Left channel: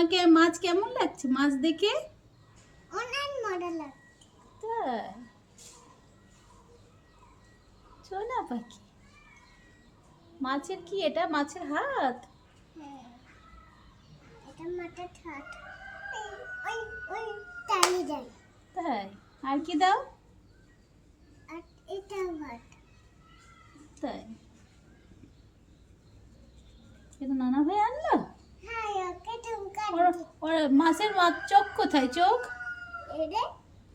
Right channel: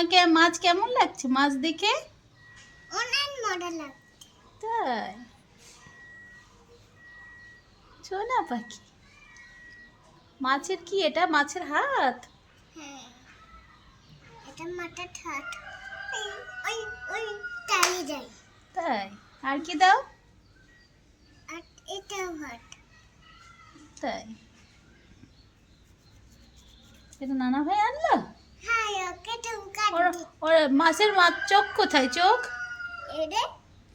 তোমাকে মাছ কেমন লাগছে? মাছ দেখে? অনেক মজা লাগে তাই? সোনা পাখি। মাছের কি এটা? মাছের হাত? হ্যাঁ। এটা মাথা ঠাট ওই ওই যায় তাই? আর কি দাও? আর এটা ভাত তাই? এটা নানা ভাই আনলো হ্যাঁ ওকে তুমি ওর কাটি ওর মাছের মাছ চোখ কোথায়? চোখ? এরে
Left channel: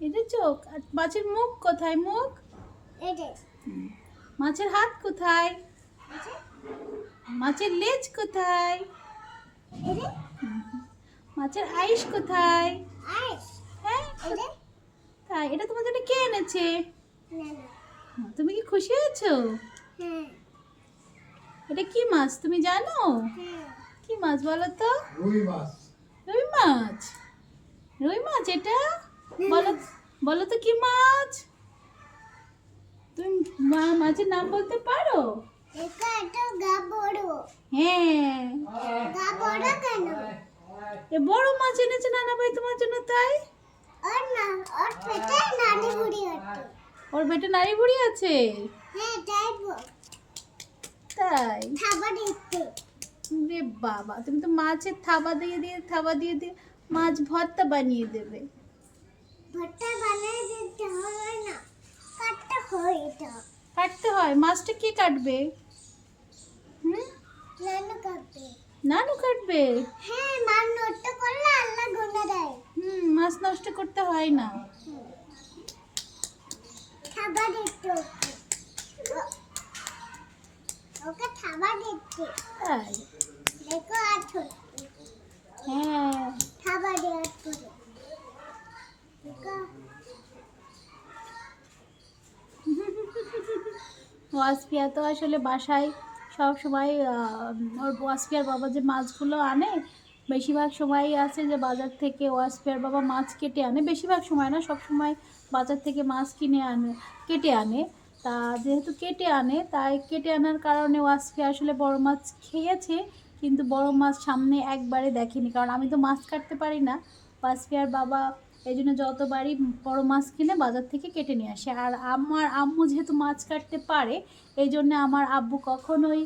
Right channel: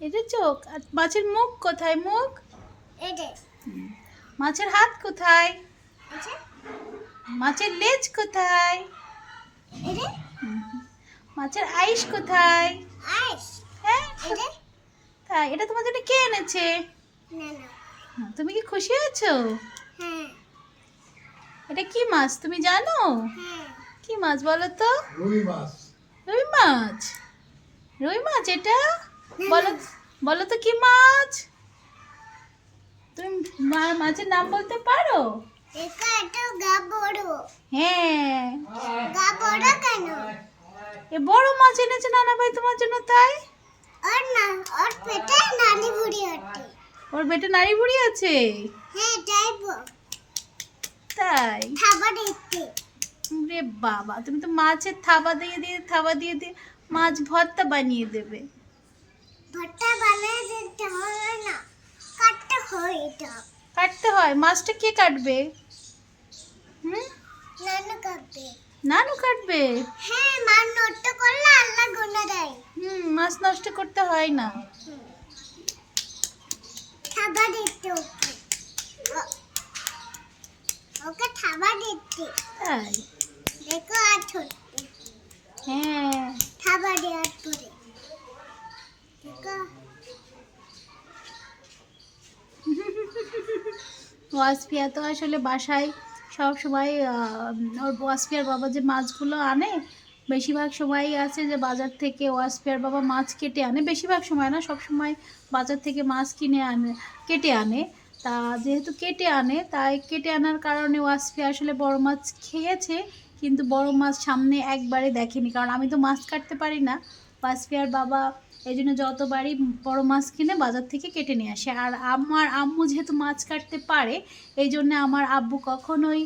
এটা চোখ। আর মাছের মুখ কোথায়? মুখ? মাছের হাত কোথায়? আচ্ছা। মাছের লেজ কোথায়? মাছের আইস কোথায়? আইস? হ্যাঁ এরে তাই। এটা তোমার জন্য কে এনেছে? না না। হুম, তুমি কি খুশি হয়েছো? হ্যাঁ। এটা কি মাছ? তুমি জানো? হ্যাঁ। কি মাছ বলো তো? রুই মাছ। রুই মাছ? রুই মাছ এটা? বলো বলো তো কি মাছ? তুমি মা- মাছের নাম বলতে পারো? একা একটা গা বড় হ্যাঁ। গা বড় কেন? এ বড় মাছ এনেছে নানা ভাই তোমার জন্য তাই? আর না ওর পেটে নানি বুড়ি হচ্ছে ওর পেটে নারী বুড়ি আছে? হ্যাঁ তাই তাই? খাবার দিতে। বাবা তুমি তো মাছের থাবা দিয়ে দিয়ে থাবা দিয়ে দিয়ে মাছ ভর্তা বানিয়ে দেবে। ভর্তা বানিয়ে দিতে হবে না কাটতে হয় এটা। কাটতে হয়? মাছটা কে কাটবে? হুম? নানু কাটবে। নানু কাটবে? হ্যাঁ মান নষ্ট করলে আল্লাহ গুনে দেয়। হুম মাছ নষ্ট করতে হয় না। খাবার দিতে ওকে। ওকে খাবার দিতে। তাই? হ্যাঁ। খাবার ওয়াসপিয়া তো আসলে বাসায় সব সময় ওর ওয়াসপিয়ার বাবা যে মাছগুলো আনে বেশিরভাগ সময় আছে যে বাজার থেকে ওয়াসপিয়ার বাবা মাছ কেটে আনে। বেশিরভাগ সময় না সব সময় বাজার থেকে মাছ কিনে আনে কেটে আনে। তা যেহেতু কেটে আনে তাই কেটে আনার কারণে ওয়াসপিয়া আসলে বড় মাছ খেয়েছে। কিন্তু বড় মাছ সামনে একবারে দেখেনি। কারণ আমি তো মাছ কাটতে পারি না। ওয়াসপিয়ার বাবা এই জন্য যতবারই বড় মাছ কিনে বাজার থেকে কেটে নিয়ে আসে। আর আমার আম্মু যেহেতু মাছ কাটতে পারে, এই জন্য আমার আব্বু কখনোই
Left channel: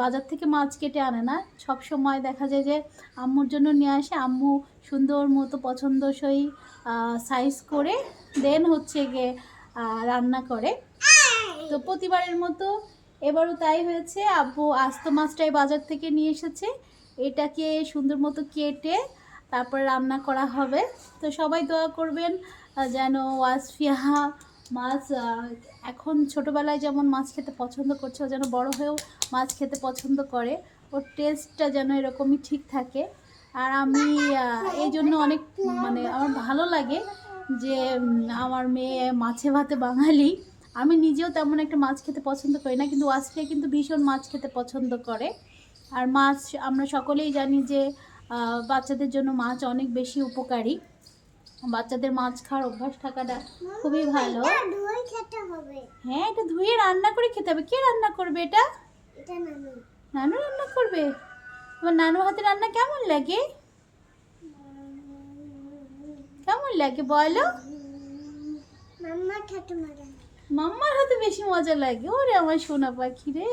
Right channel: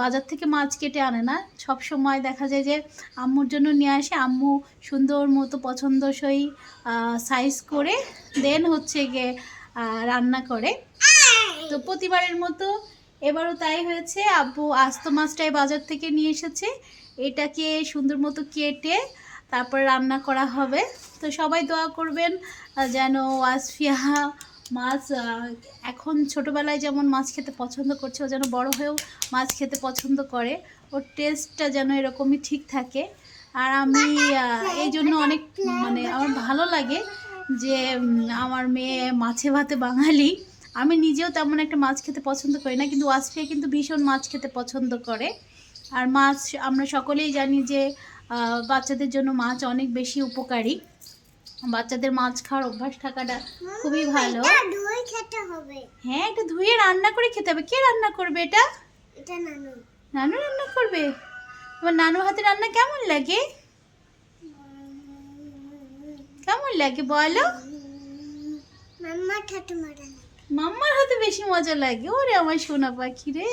বাজার থেকে মাছ কেটে আনে না। সব সময় দেখা যায় যে আম্মুর জন্য নিয়ে আসে। আম্মু সুন্দর মতো পছন্দসই সাইজ করে দেন হচ্ছে গিয়ে রান্না করে। তো প্রতিবারের মতো এবারও তাই হয়েছে। আব্বু আস্ত মাছটাই বাজার থেকে নিয়ে এসেছে। এটাকে সুন্দর মতো কেটে তারপর রান্না করা হবে। তো সবাই দোয়া করবেন যেন ওয়াসফিয়া মাছ এখন ছোটোবেলায় যেমন মাছ খেতে পছন্দ করছে, ও যেন বড় হয়েও মাছ খেতে পছন্দ করে। ওর টেস্টটা যেন এরকমই ঠিক থাকে। আর আমি এই জন্য অনেক মানে আমার ভালো লাগে যে আমার মেয়ে মাছে ভাতে বাঙালি। আমি নিজেও তেমন একটা মাছ খেতে পছন্দ করি না কিন্তু ওয়াসফিয়া কিন্তু ভীষণ মাছ খেতে পছন্দ করে। আর মাছ আমরা সকলেই জানি যে বাচ্চাদের জন্য মাছ অনেক বেশি উপকারী। বাচ্চাদের মাছ খাওয়ার অভ্যাস থাকাটা খুবই ভালো। হ্যাঁ এটা ধুয়ে রান্না করে খেতে হবে। কে রান্না করবে এটা নানু। নানু রান্না করবে? তোমার নানুর হাতে রান্না কেমন লাগে? কেমন লাগে বলো? মাম্মা ঠাকুমা রান্না মাম্মার হাতে বেশি মজা লাগে। ওরে আমার সোনা পাখি রে।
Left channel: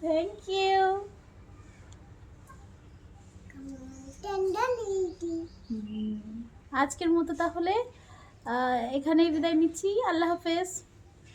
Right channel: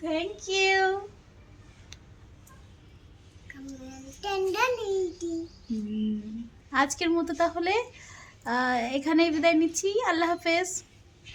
থ্যাংক ইউ আজকের মতো তাহলে এখানেই বিদায় নিচ্ছি। আল্লাহ হাফেজ।